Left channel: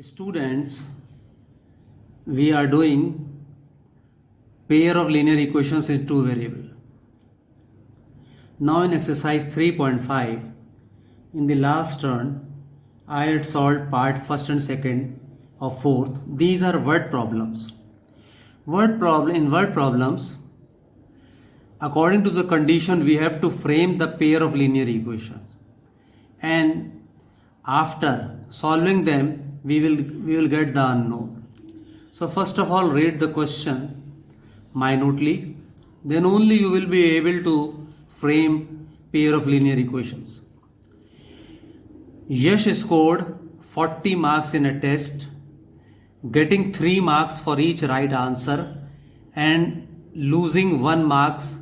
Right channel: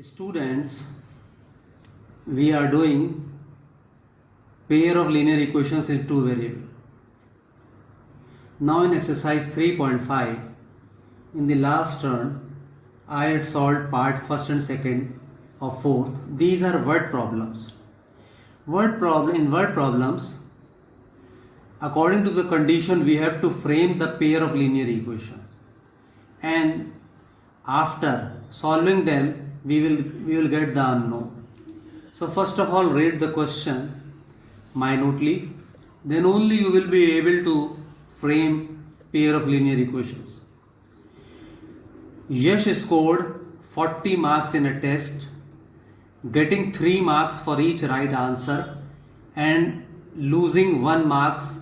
Students, we are doing pair of linear equations in two variable. Now in exercise 3.5, in the last turn, I had solved part first and second of fourth. These are word problems. In word problems, according to the condition, we have to frame the pair of linear equations. And after solving them, we will get the unknown. So first of all, read the question minutely. Then only you will be able to frame pair of linear equations. Yash scored 40 marks in a test, getting 3 marks for each right answer and losing 1 marks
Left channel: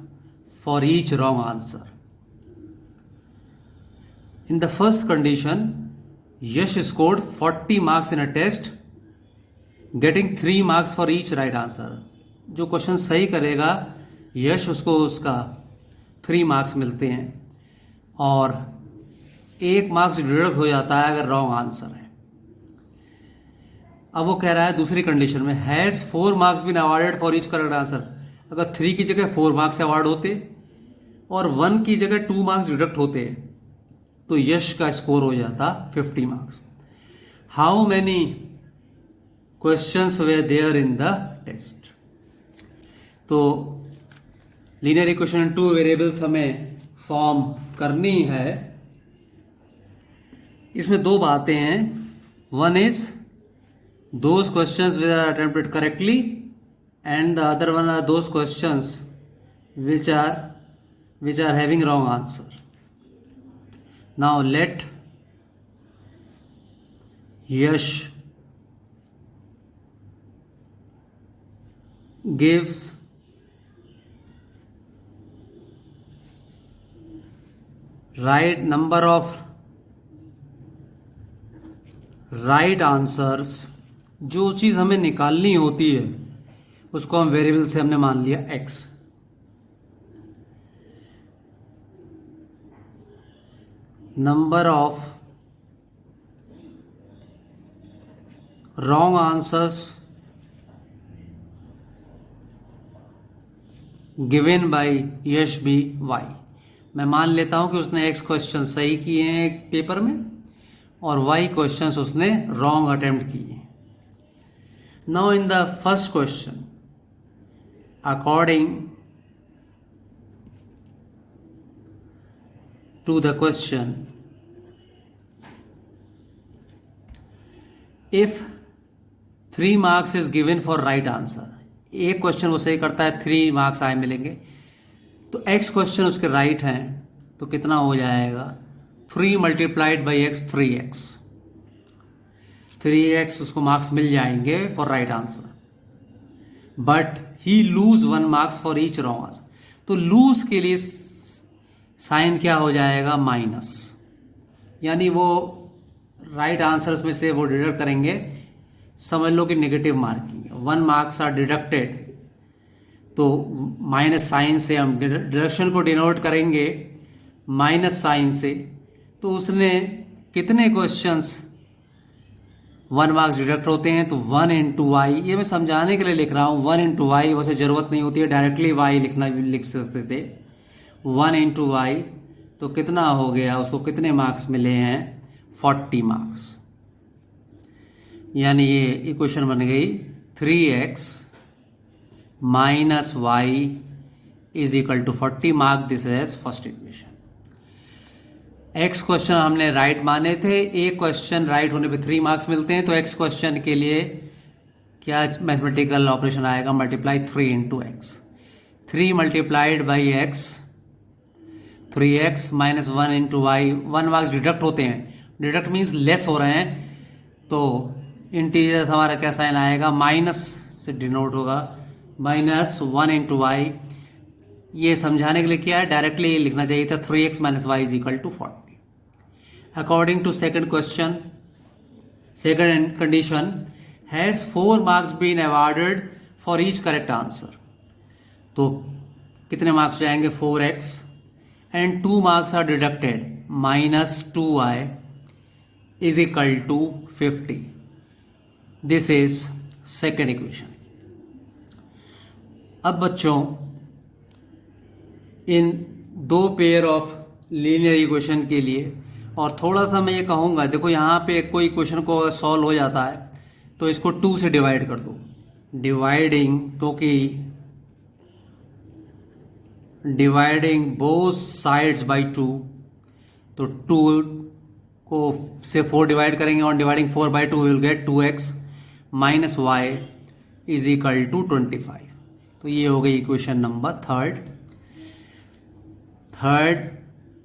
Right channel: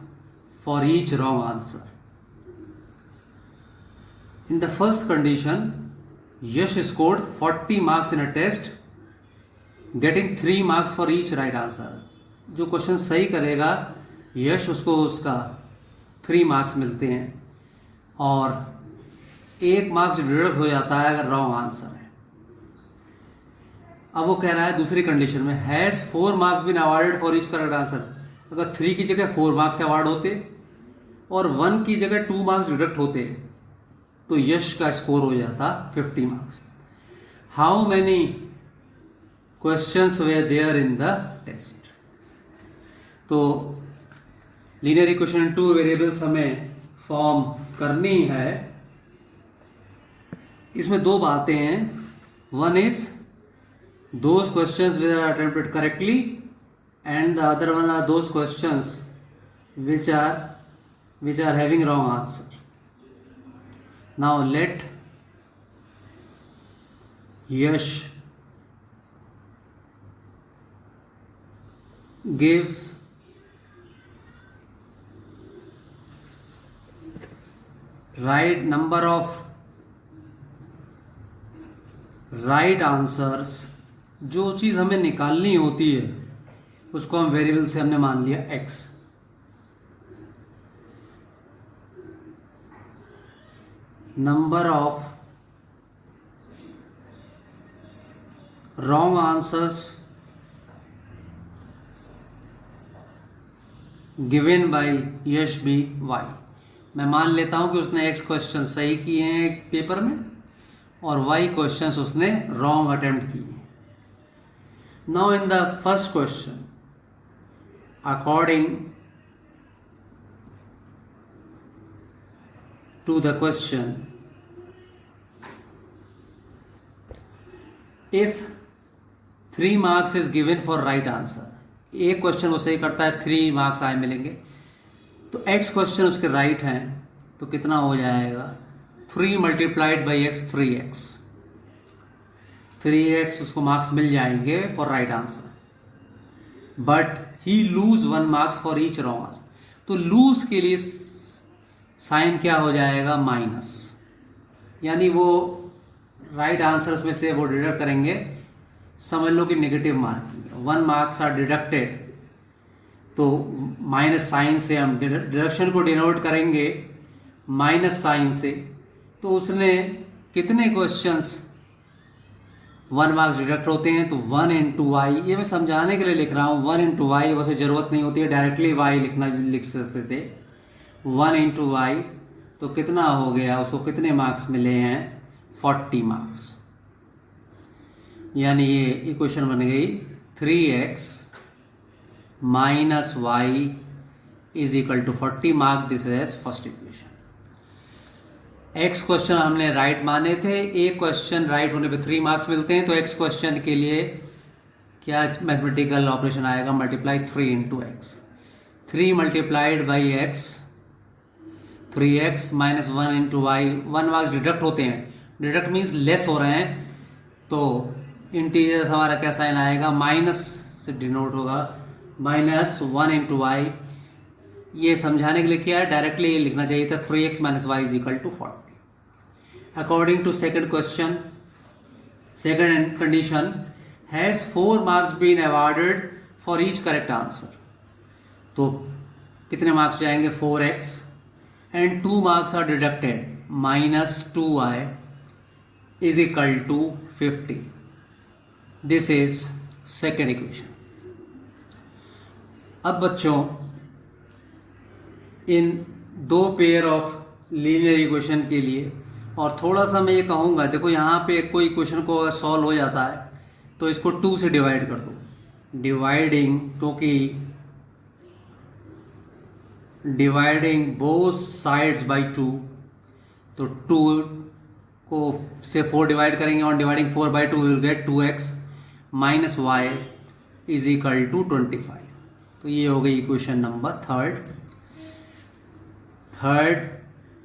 for each wrong answer. In the first condition, Yash scored 40 marks in a test, getting 3 marks for each right answer. जो question सही करेगा यश उसको उसका 3 marks मिलते हैं और 1 marks deduct हो जाता है अगर रॉन्ग आंसर है. अब वो कह रहा है दूसरी कंडीशन में has 4 marks been awarded for each correct answer. अगर 3 की जगह 4 मार्क्स अवार्ड होते और 1 की जगह 2 मार्क्स डिडक्ट होते तो यश का स्कोर हो जाता 50 marks. How many questions were there in the test. तो लीनियर इक्वेशन 2 वेरिएबल्स हमें फॉर्म करनी है. इसमें 2 बातें हैं. One is those questions which are attempted correctly and the other one are those questions which are having wrong answer. Now let Yash gives right number of right answers. जो चीज़ हमें निकालनी होती है उसको हम वेरिएबल से हमने मान लिया x. Number of wrong answers given by Yash be y. मैं मान लेता हूं कि उसने x क्वेश्चन सही किए हैं पेपर में और y क्वेश्चंस उसने रॉन्ग अटेम्प्ट किए हैं. Now in the first question, according to the question, if 3 marks is given for right answer, एक क्वेश्चन वो सही करता है 3 मार्क्स आए मिलेंगे तो x क्वेश्चन उसके राइट हैं तो कितना हो जाएगा 3 multiplied by x 3x. 3x उसको मार्क्स मिल जाएंगे for right answer. But he lose 1 marks for each wrong answer. तो लूज के लिए साइन क्या हो जाएगा माइनस, यानी वो राइट आंसर्स में से वो डिडक्ट करेंगे. समझ लो कि negative marking 1 marks are deducted तो माइनस साइन से हम डिडक्शन को डिनोट करेंगे माइनस साइन से. तो उसने कितने क्वेश्चंस 1 मार्क्स डिडक्ट होते हैं तो 1 इंटू वाई. ये मैं समझाने के लिए लिख रहा हूँ. 1 इंटू वाई वैसे जरूरत नहीं होती है, डायरेक्टली वाई लिख सकते थे. 1 इंटू वाई तो कितना हो गया, उसको कितने मार्क्स मिले हैं 40 मार्क्स. यानी ये इक्वेशन बन गई 3x minus y is equal to 40 mark. This is first equation. x question हमने राइट माने थे. एक क्वेश्चन राइट होने पे 3 मार्क्स मिलते हैं तो x क्वेश्चन के लिए क्या मैथमेटिकल ऑपरेशन आएगा, multiply 3 into x. 3 multiplied by x 3x minus 1 into y. 1 marks deduct होते हैं, डिडक्ट मीन्स लेस हो रहे हैं तो इंटीजर हमारा क्या साइन आएगा माइनस से डिनोट होगा. Minus 1 into y. ये समझाने के लिए क्या है, डायरेक्टली ये लिखना चाहिए था 3x minus y is equal to 40. According to second question, second condition, has 4 marks been awarded for each correct answer. तो कितने मार्क्स जाएंगे 4x and 2 marks are deducted, minus 2y is equal to 50. This is second equation. अब बच्चों इन दो pair of linear equation के लिए, और थोड़ा सा मैं ये कहूँगा, देखो यहाँ पे कोई इक्वेशन को सॉल्व हो जाता है तो इसको 2 से डिवाइड कर दो। डिवाइडिंग बोथ साइड्स बाय 2, तो 2 को से 4 डिवाइड करेंगे, और dividing 4 by 2 will get 2x minus y is equal to 25। तो ये हो गई इक्वेशन नंबर थर्ड।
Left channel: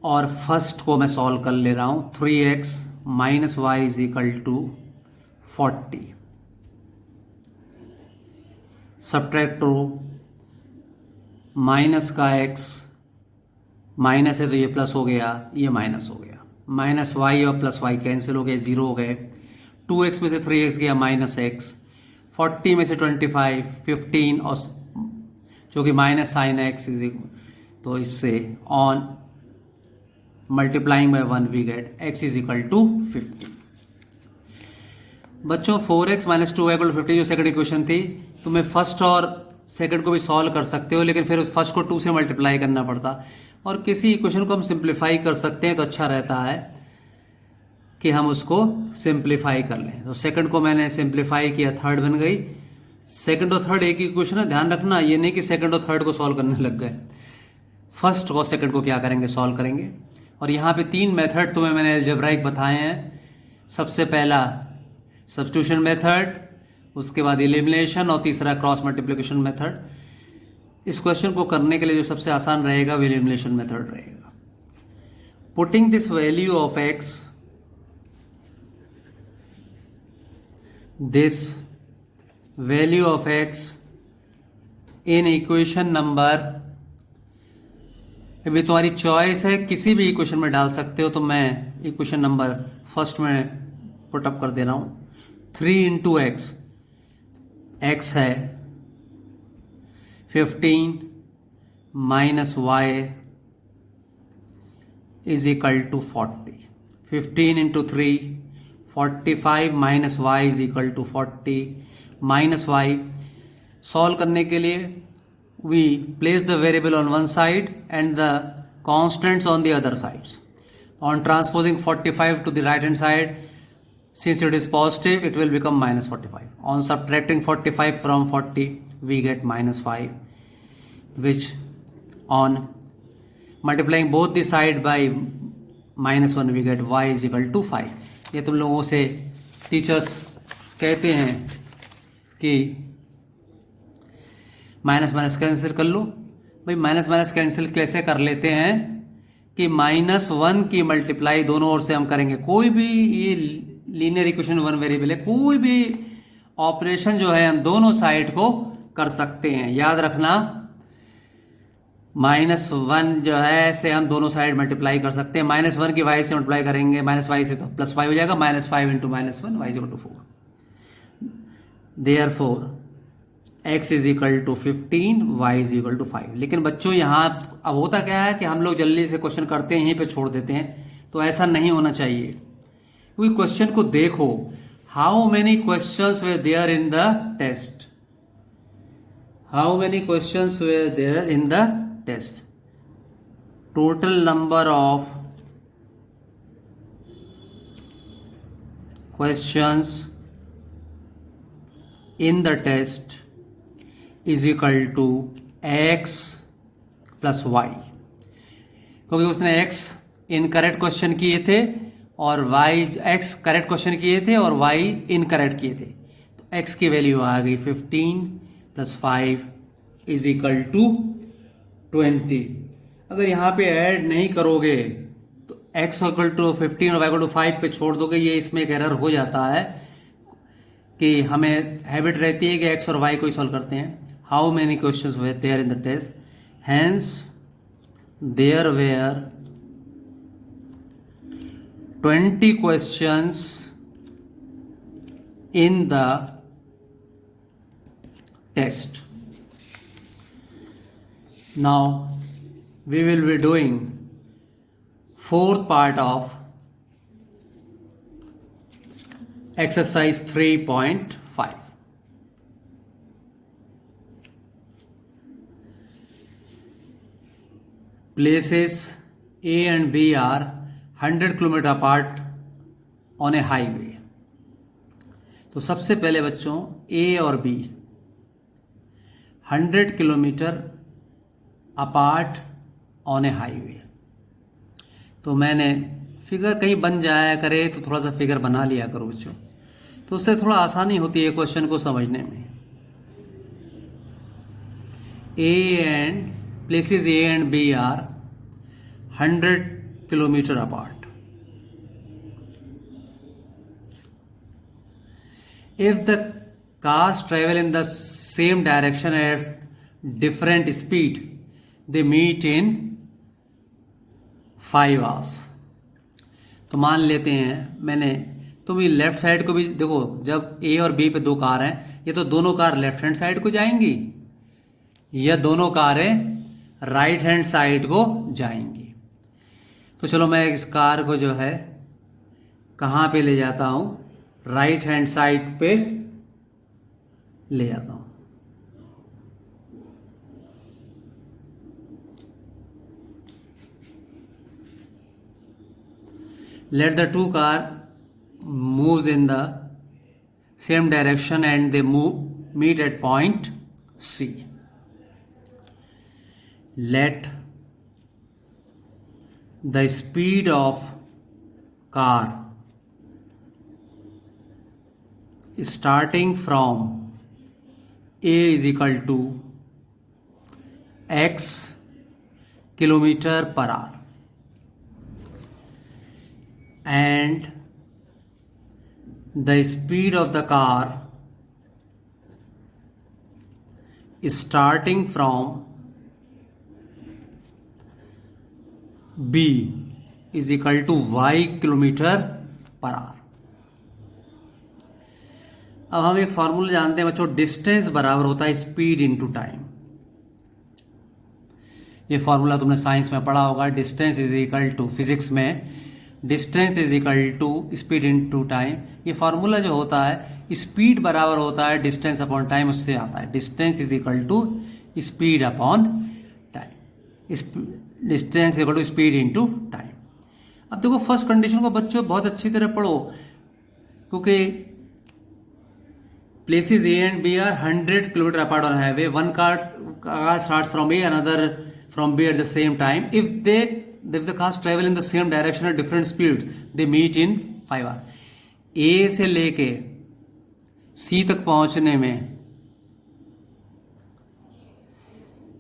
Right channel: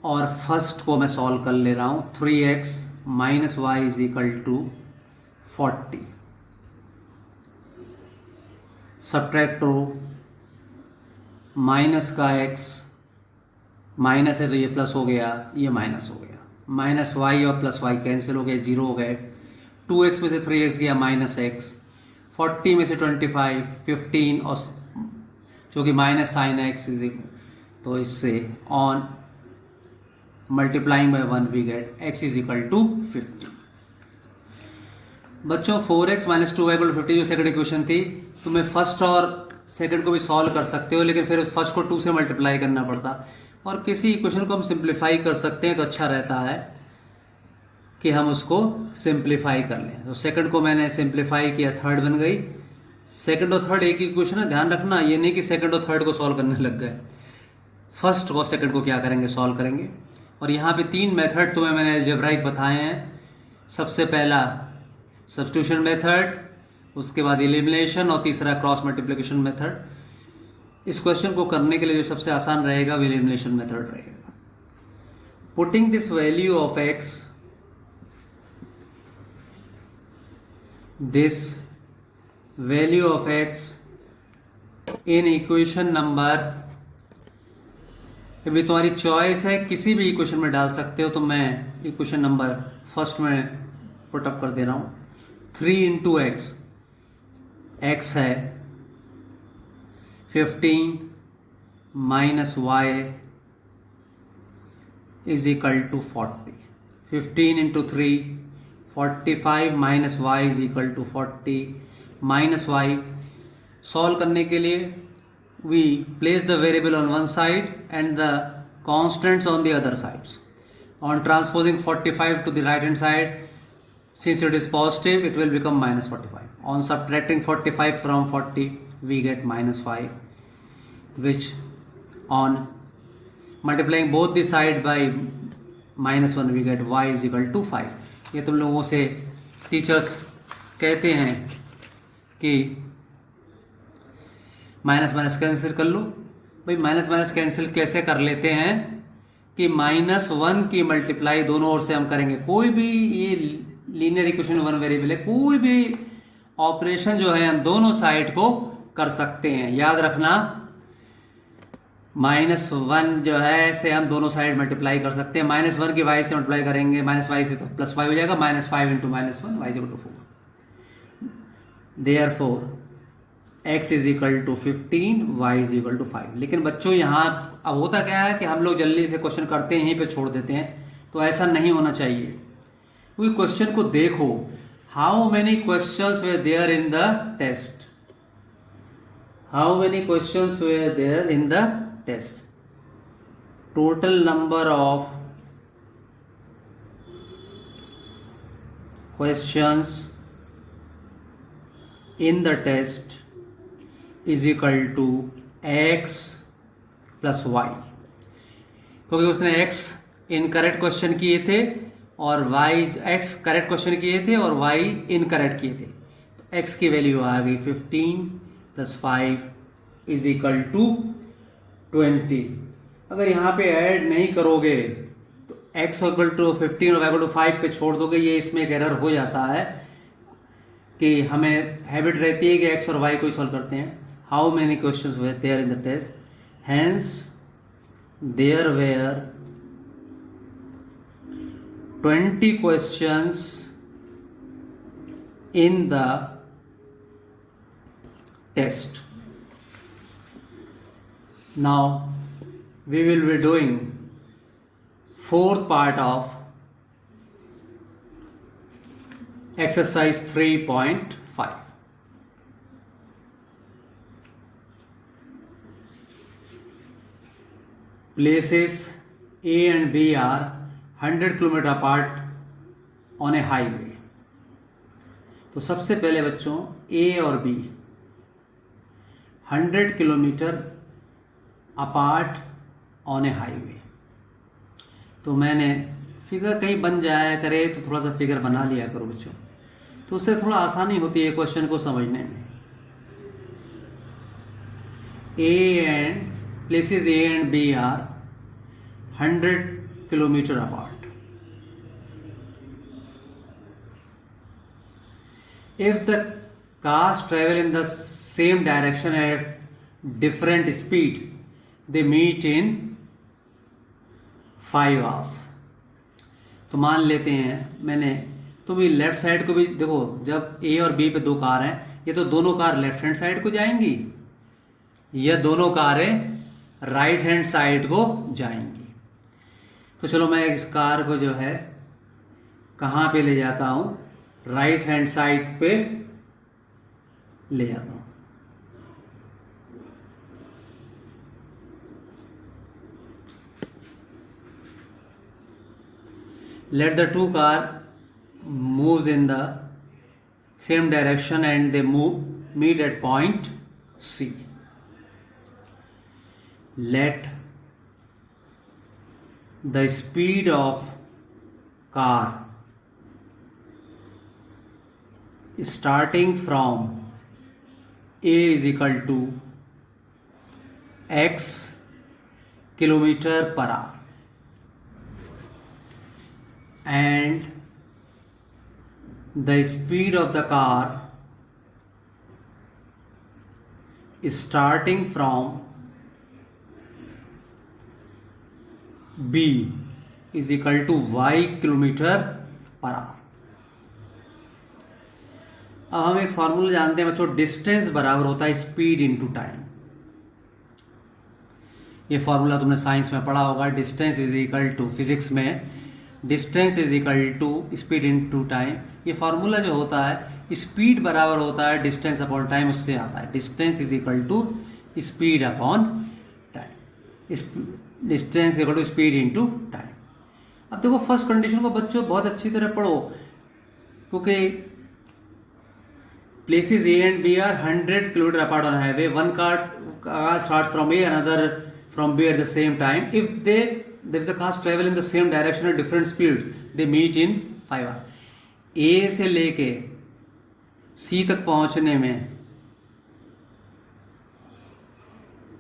और फर्स्ट को मैं सॉल्व कर ले रहा हूं। 3x minus y is equal to 40। Subtract करो, माइनस का x, माइनस है तो ये प्लस हो गया, ये माइनस हो गया, माइनस वाई और प्लस वाई कैंसिल हो गए, 0 हो गए। 2x में से 3x गया माइनस x, 40 में से 25, 15 और जो कि minus sign x is equal, तो इससे on multiplying by 1 we get x is equal to 50। बच्चों 4x minus 2y equal to 50 जो सेकंड इक्वेशन थी, तो मैं फर्स्ट और सेकंड को भी सॉल्व कर सकते हो, लेकिन फिर फर्स्ट को 2 से मल्टीप्लाई करना पड़ता। और किसी इक्वेशन को हम सिंप्लीफाई कर सकते हैं तो अच्छा रहता है कि हम उसको सिंप्लीफाई कर लें। तो सेकंड को मैंने सिंप्लीफाई किया, थर्ड बन गई। सेकंड और थर्ड एक ही इक्वेशन है, ध्यान रखना, ये नहीं कि सेकंड और थर्ड को सॉल्व करने लग गए। फर्स्ट और सेकंड को क्या करेंगे, सॉल्व करेंगे। और यहाँ पे 3 मेथड तुम्हें मैंने अलजेब्राइक बताए हैं। सबसे पहला सब्स्टिट्यूशन मेथड, उसके बाद एलिमिनेशन, और तीसरा क्रॉस मल्टीप्लिकेशन मेथड। इस क्वेश्चन को करने के लिए जो सबसे आसान रहेगा वो एलिमिनेशन मेथड रहेगा। Putting this value of x, this value of x in equation number, अभी तुम्हारी चॉइस है, किसी भी इक्वेशन में डाल सकते हो। तो मैं इक्वेशन नंबर फर्स्ट में पुटअप कर दे रहा हूं। 3 इंटू एक्स, एक्स है 15 minus y is equal to 40। 15 into 3 45 minus y is equal to 40 minus y. Solve करने के लिए we place the variable on one side and the constants on the other sides. On transposing 45 to the right hand side, since it is positive, it will become minus 45. On subtracting 45 from 40, we get minus 5, which on multiplying both the side by minus 1, we get y is equal to 5. ये तुम लोगों से teachers कहते हैं कि minus minus cancel कर लो। भाई minus minus cancel कैसे कर लेते हैं कि -1 की मल्टीप्लाई दोनों ओर से हम करेंगे। कोई भी ये लीनियर इक्वेशन 1 वेरिएबल है, कोई भी ऑपरेशन जो है हम दोनों साइड को कर सकते हैं। याद रखना, -1 जो है से हम दोनों साइड मल्टीप्लाई कर सकते हैं। -1 की y से मल्टीप्लाई करेंगे, माइनस वाई से, तो +5 हो जाएगा। -5 into -1 y equal to 4। Therefore x is equal to 15, y is equal to 5। लेकिन बच्चों यहाँ अब होता क्या है कि हम लोग जल्दी से क्वेश्चन करते हैं, यहीं पे छोड़ देते हैं, तो ऐसा नहीं होना चाहिए। क्योंकि क्वेश्चन को देखो, how many questions were there in the test, how many questions were there in the test. Total number of questions in the test is equal to x plus y, क्योंकि उसने x इनकरेक्ट क्वेश्चन किए थे और y, x correct question किए थे और y incorrect किए थे। तो x की वैल्यू आ गई 15 प्लस 5 इज इक्वल टू 20। अगर यहाँ पे ऐड नहीं करोगे तो x इक्वल टू 15 और y इक्वल टू 5 पे छोड़ दोगे, ये इसमें एक एरर हो जाता है कि हमें हैबिट रहती है कि x और y को ही सॉल्व करते हैं। How many questions were there in the test, hence there were 20 questions in the test. Now we will be doing fourth part of exercise 3.5. 5. Places A and B are 100 kilometre apart on A highway. तो सबसे पहले बच्चों A और B 100 kilometre apart on A highway. तो मैंने figure कहीं बन जाया करे तो थोड़ा सा फिगर बना लिया करो बच्चों, तो उससे थोड़ा आसानी होती है क्वेश्चन को समझने में. A and places A and B are 100 kilometre apart. If the cars travel in the same direction at different speed, they meet in 5 hours. तो मान लेते हैं मैंने, तुम ये लेफ्ट साइड को भी देखो, जब ए और बी पे दो कार हैं, ये तो दोनों कार लेफ्ट हैंड साइड को जाएंगी, या दोनों कारें राइट हैंड साइड को जाएंगी. तो चलो मैं इस कार को जो है कहाँ पे ले जाता हूँ, राइट हैंड साइड पे ले जाता हूँ. Let the two car moves in the same direction and they meet at point C. Let the speed of car starting from A is equal to x kilometer per hour and the speed of the car is starting from B is equal to y kilometre per our. अब हम एक formula जानते हैं बच्चों, distance बराबर होता है speed into time. ये फॉर्मूला तुमने साइंस में पढ़ा होगा. Distance is equal to, physics में distance is equal to speed into time. ये फॉर्मूला जो होता है, स्पीड बराबर होता है डिस्टेंस अपॉन टाइम, उससे आता है. Distance is equal to speed upon time, distance equal to speed into time. अब देखो फर्स्ट कंडीशन को बच्चों बहुत अच्छी तरह पढ़ो, क्योंकि places A and B are 100 kilometer apart on highway. One car starts from A, another from B at the same time. If the cars travel in the same direction at different speeds, they meet in 5 hours. A से लेके C तक पहुंचने में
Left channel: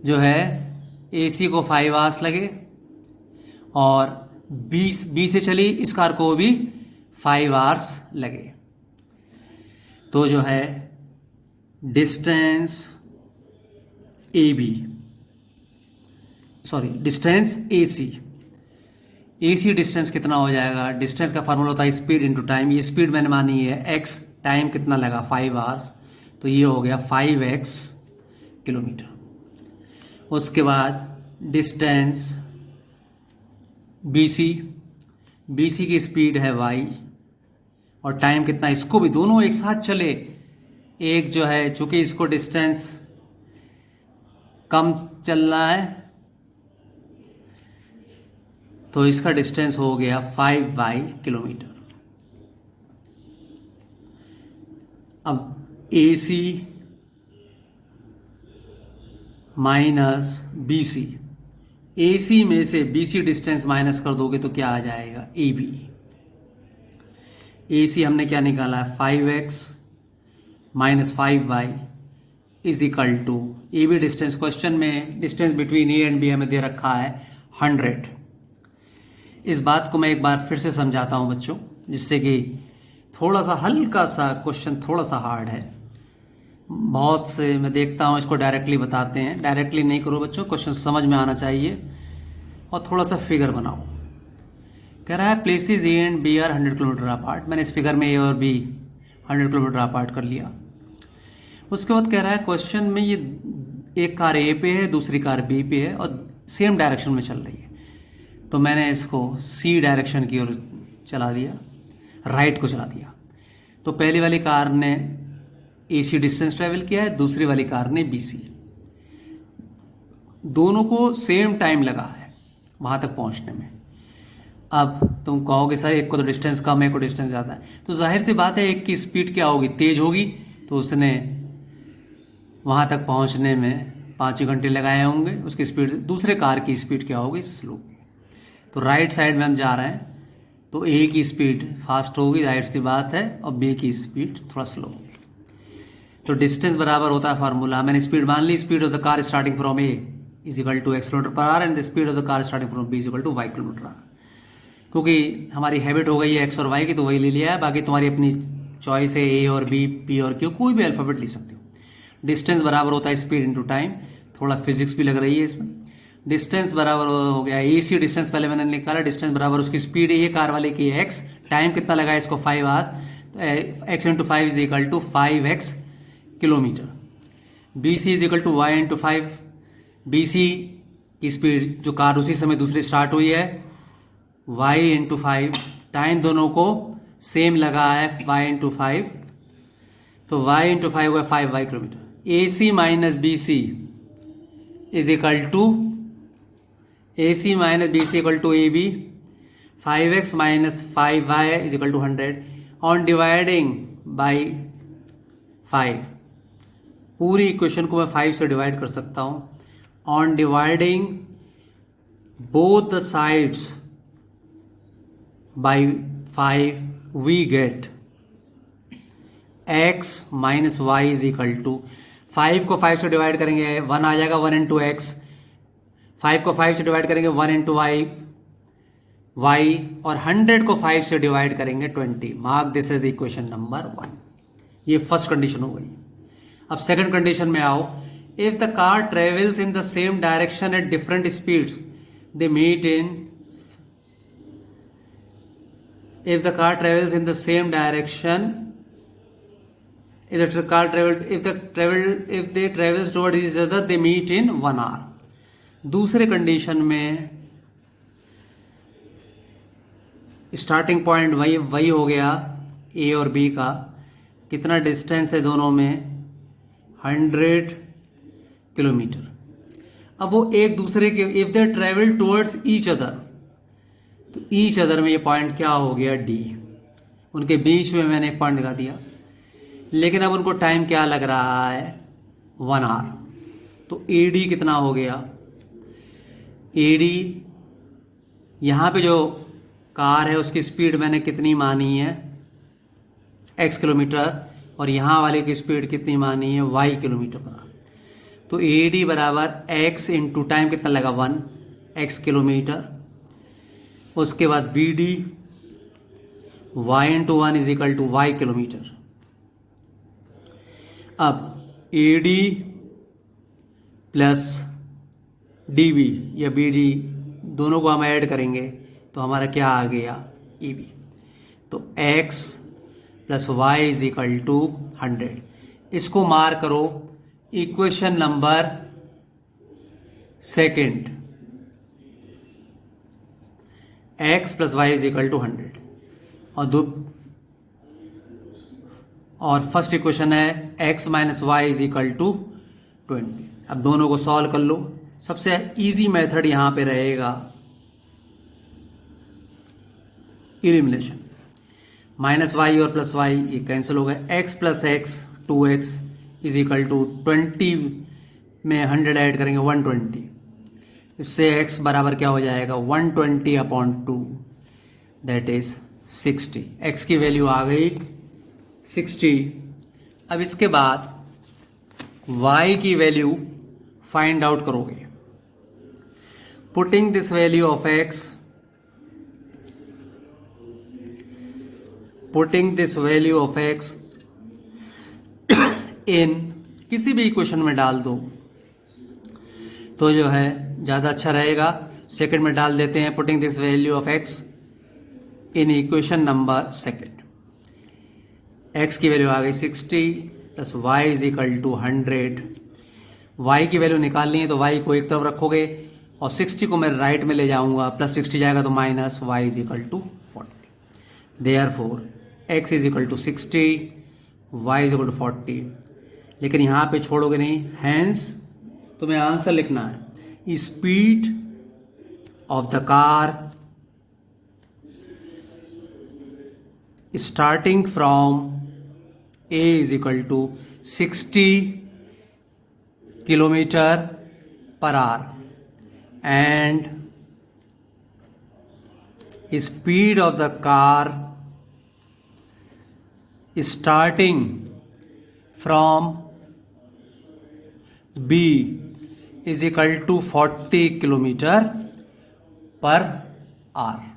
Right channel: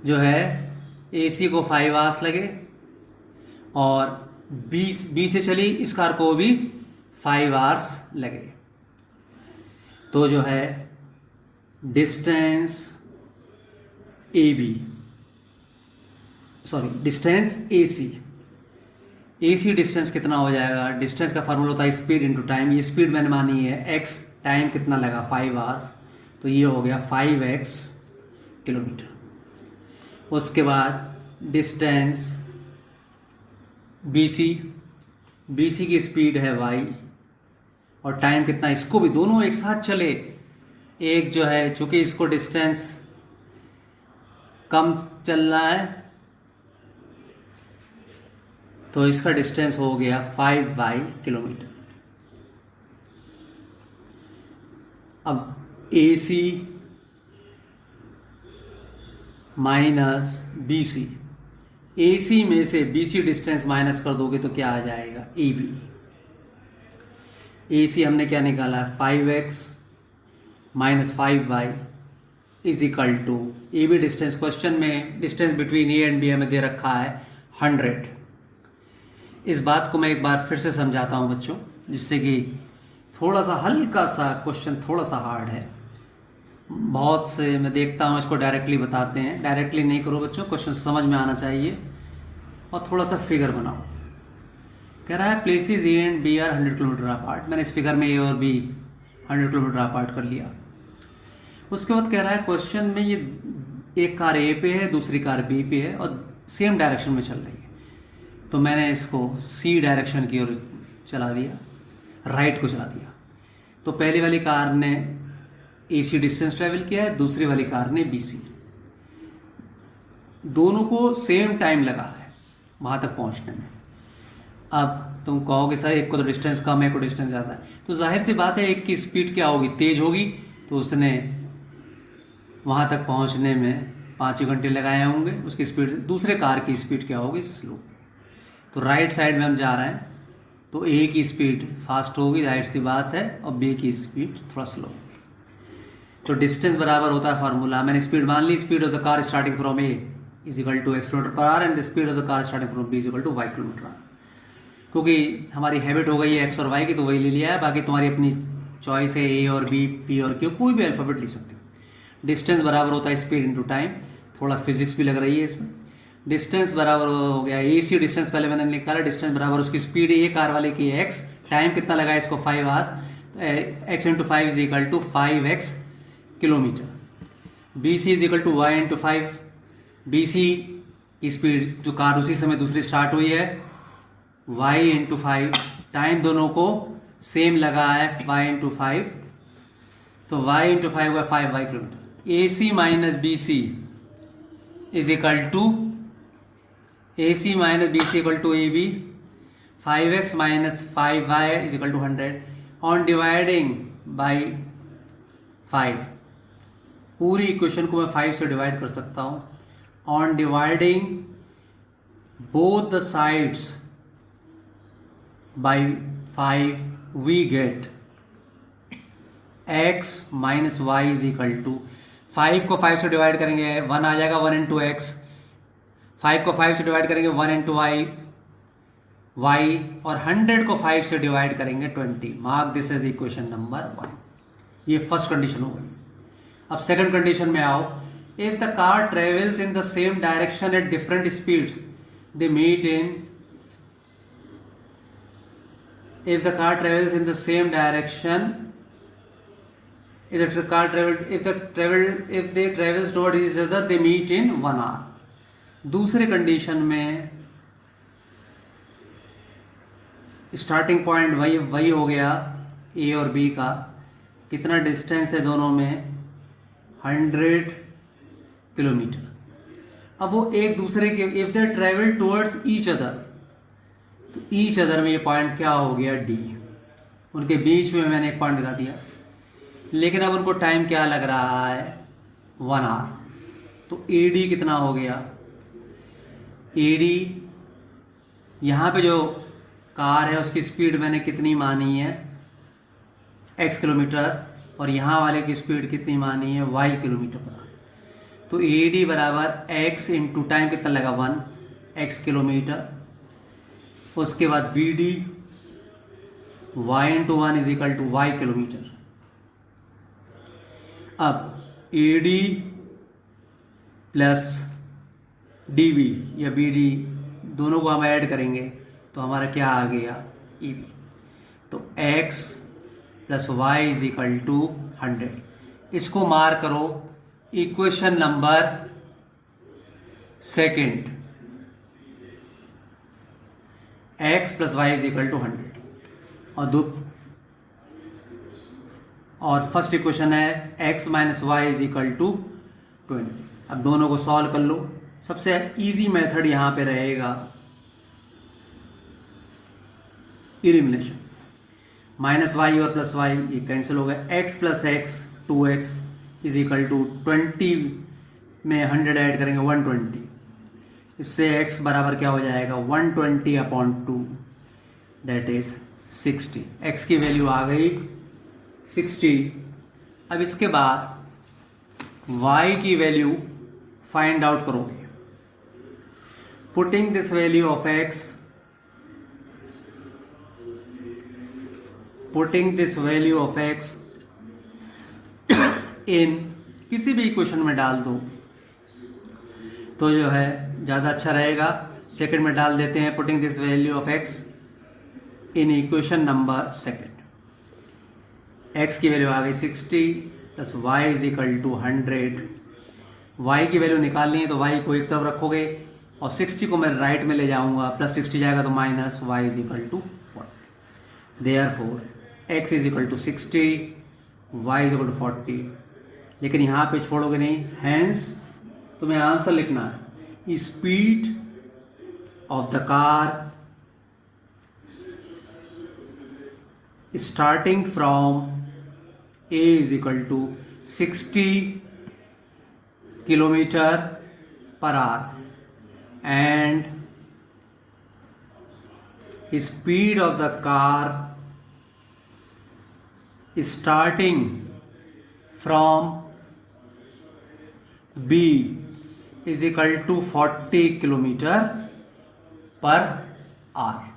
जो है AC को 5 hours लगे, और B से चली इस कार को भी 5 hours लगे. तो जो है डिस्टेंस डिस्टेंस AC डिस्टेंस कितना हो जाएगा. डिस्टेंस का फार्मूला होता है स्पीड इनटू टाइम. ये स्पीड मैंने मानी है x, टाइम कितना लगा 5 hours, तो ये हो गया 5x किलोमीटर. उसके बाद डिस्टेंस BC की स्पीड है y, और टाइम कितना, इसको भी दोनों एक साथ चले. एक जो है चूंकि इसको डिस्टेंस कम चल रहा है, तो इसका डिस्टेंस हो गया 5y किलोमीटर. अब AC माइनस BC, AC में से BC डिस्टेंस माइनस कर दोगे तो क्या आ जाएगा, AB. AC हमने क्या निकाला है, 5x minus 5y is equal to, AB distance question में distance between A and B हमें दे रखा है 100. इस बात को मैं एक बार फिर से समझाता हूं बच्चों, जिससे कि थोड़ा सा हल्का सा क्वेश्चन थोड़ा सा हार्ड है. बहुत से मैं देखता हूं इसको डायरेक्टली बताते हैं. डायरेक्टली नहीं करो बच्चों, क्वेश्चन समझ में आना चाहिए, और थोड़ा सा फिगर बनाओ. कह रहा है places A and B are 100 kilometre apart. मैंने इस फिगर में A और B 100 किलोमीटर अपार्ट कर लिया. उसके बाद कह रहा है क्वेश्चन में ये एक कार A पे है, दूसरी कार B पे है, और सेम डायरेक्शन में चल रही है. तो मैंने इसको C डायरेक्शन की ओर चला दिया, राइट को चला दिया. तो पहली वाली कार ने AC डिस्टेंस ट्रेवल किया है, दूसरी वाली कार ने BC। दोनों को सेम टाइम लगा है वहां तक पहुंचने में। अब तुम कहोगे सर एक को तो डिस्टेंस कम है, एक को डिस्टेंस ज़्यादा है, तो जाहिर सी बात है एक की स्पीड क्या होगी, तेज होगी, तो उसने वहां तक पहुंचने में 5 ही घंटे लगाए होंगे। उसकी स्पीड, दूसरे कार की स्पीड क्या होगी, स्लो। तो राइट साइड में हम जा रहे हैं, तो ए की स्पीड फास्ट होगी, जाहिर सी बात है, और बी की स्पीड थोड़ा स्लो होगी। तो डिस्टेंस बराबर होता है फार्मूला, मैंने स्पीड मान ली, speed of the car starting from A is equal to x km/h and the speed of the car starting from b is equal to y km/h। क्योंकि हमारी हैबिट हो गई है x और y की, तो वही ले लिया है। बाकी तुम्हारी अपनी चॉइस है, ए और बी, पी और क्यू, कोई भी अल्फाबेट ले सकते हो। डिस्टेंस बराबर होता है स्पीड इंटू टाइम, थोड़ा फिजिक्स भी लग रही है इसमें। डिस्टेंस बराबर हो गया AC डिस्टेंस, पहले मैंने निकाला, डिस्टेंस बराबर उसकी स्पीड, ये कार वाले की x, टाइम कितना लगा इसको 5 hours, x into 5 is equal to 5x kilometre. BC is equal to y into 5, BC की स्पीड जो कार उसी समय दूसरी स्टार्ट हुई है, y इंटू 5, टाइम दोनों को सेम लगा है y इंटू 5, तो y इंटू 5 हुआ 5y kilometre. AC minus BC is equal to AC minus BC equal to AB, 5x minus 5y is equal to 100 on dividing by 5। पूरी equation को मैं 5 से डिवाइड कर सकता हूं। On dividing both the sides by 5 we get x minus y is equal to, 5 को 5 से divide करेंगे 1 आ जाएगा, 1 इंटू एक्स। 5 को 5 से डिवाइड करेंगे 1 इंटू वाई, और 100 को 5 से डिवाइड करेंगे 20। Mark this as equation number 1। ये फर्स्ट कंडीशन हो गई। अब सेकंड कंडीशन में आओ। If the car travels in the same direction at different speeds, they meet in, if the car travels in the same direction, if they travels towards each other, they meet in 1 hour. दूसरे condition में starting point वही हो गया ए और B का, कितना distance है दोनों में, 100 किलोमीटर। अब वो एक दूसरे के, if they travel towards each other, तो ईच अदर में ये पॉइंट क्या हो गया, डी। उनके बीच में मैंने एक पॉइंट लगा दिया, लेकिन अब उनको टाइम क्या लग रहा है, 1 आवर। तो AD कितना हो गया, AD यहाँ पे जो कार है उसकी स्पीड मैंने कितनी मानी है, x किलोमीटर, और यहाँ वाले की स्पीड कितनी मानी है, y किलोमीटर पर। तो AD बराबर x इंटू टाइम कितना लगा, 1 x किलोमीटर। उसके बाद BD y into 1 is equal to y kilometre. अब AD प्लस DB या BD दोनों को हम ऐड करेंगे तो हमारा क्या आ गया, EB। तो x plus y is equal to 100। इसको मार करो equation number second, x plus y is equal to 100, और फर्स्ट इक्वेशन है x minus y is equal to 20। अब दोनों को सॉल्व कर लो। सबसे इजी मेथड यहां पे रहेगा इलिमिनेशन, माइनस वाई और प्लस वाई ये कैंसिल हो गए, x plus x 2x is equal to 20 में 100 ऐड करेंगे 120, इससे x बराबर क्या हो जाएगा, 120 अपॉन 2 दैट इज 60। x की वैल्यू आ गई 60। अब इसके बाद y की वैल्यू फाइंड आउट करोगे। Putting this value of x, putting this value of x इन किसी भी इक्वेशन में डाल दो तो जो है ज़्यादा अच्छा रहेगा। सेकंड में डाल देते हैं, putting this value of x in equation number second. x की वैल्यू आ गई 60 plus y is equal to 100। y की वैल्यू निकालनी है तो y को एक तरफ रखोगे और 60 को मैं राइट में ले जाऊंगा, प्लस 60 जाएगा तो minus y is equal to 40। Therefore x is equal to 60 y is equal to 40, लेकिन यहाँ पे छोड़ोगे नहीं, हैंस तुम्हें आंसर लिखना है speed of the car starting from a is equal to 60 kilometre per hour and speed of the car starting from B is equal to 40 kilometre per our.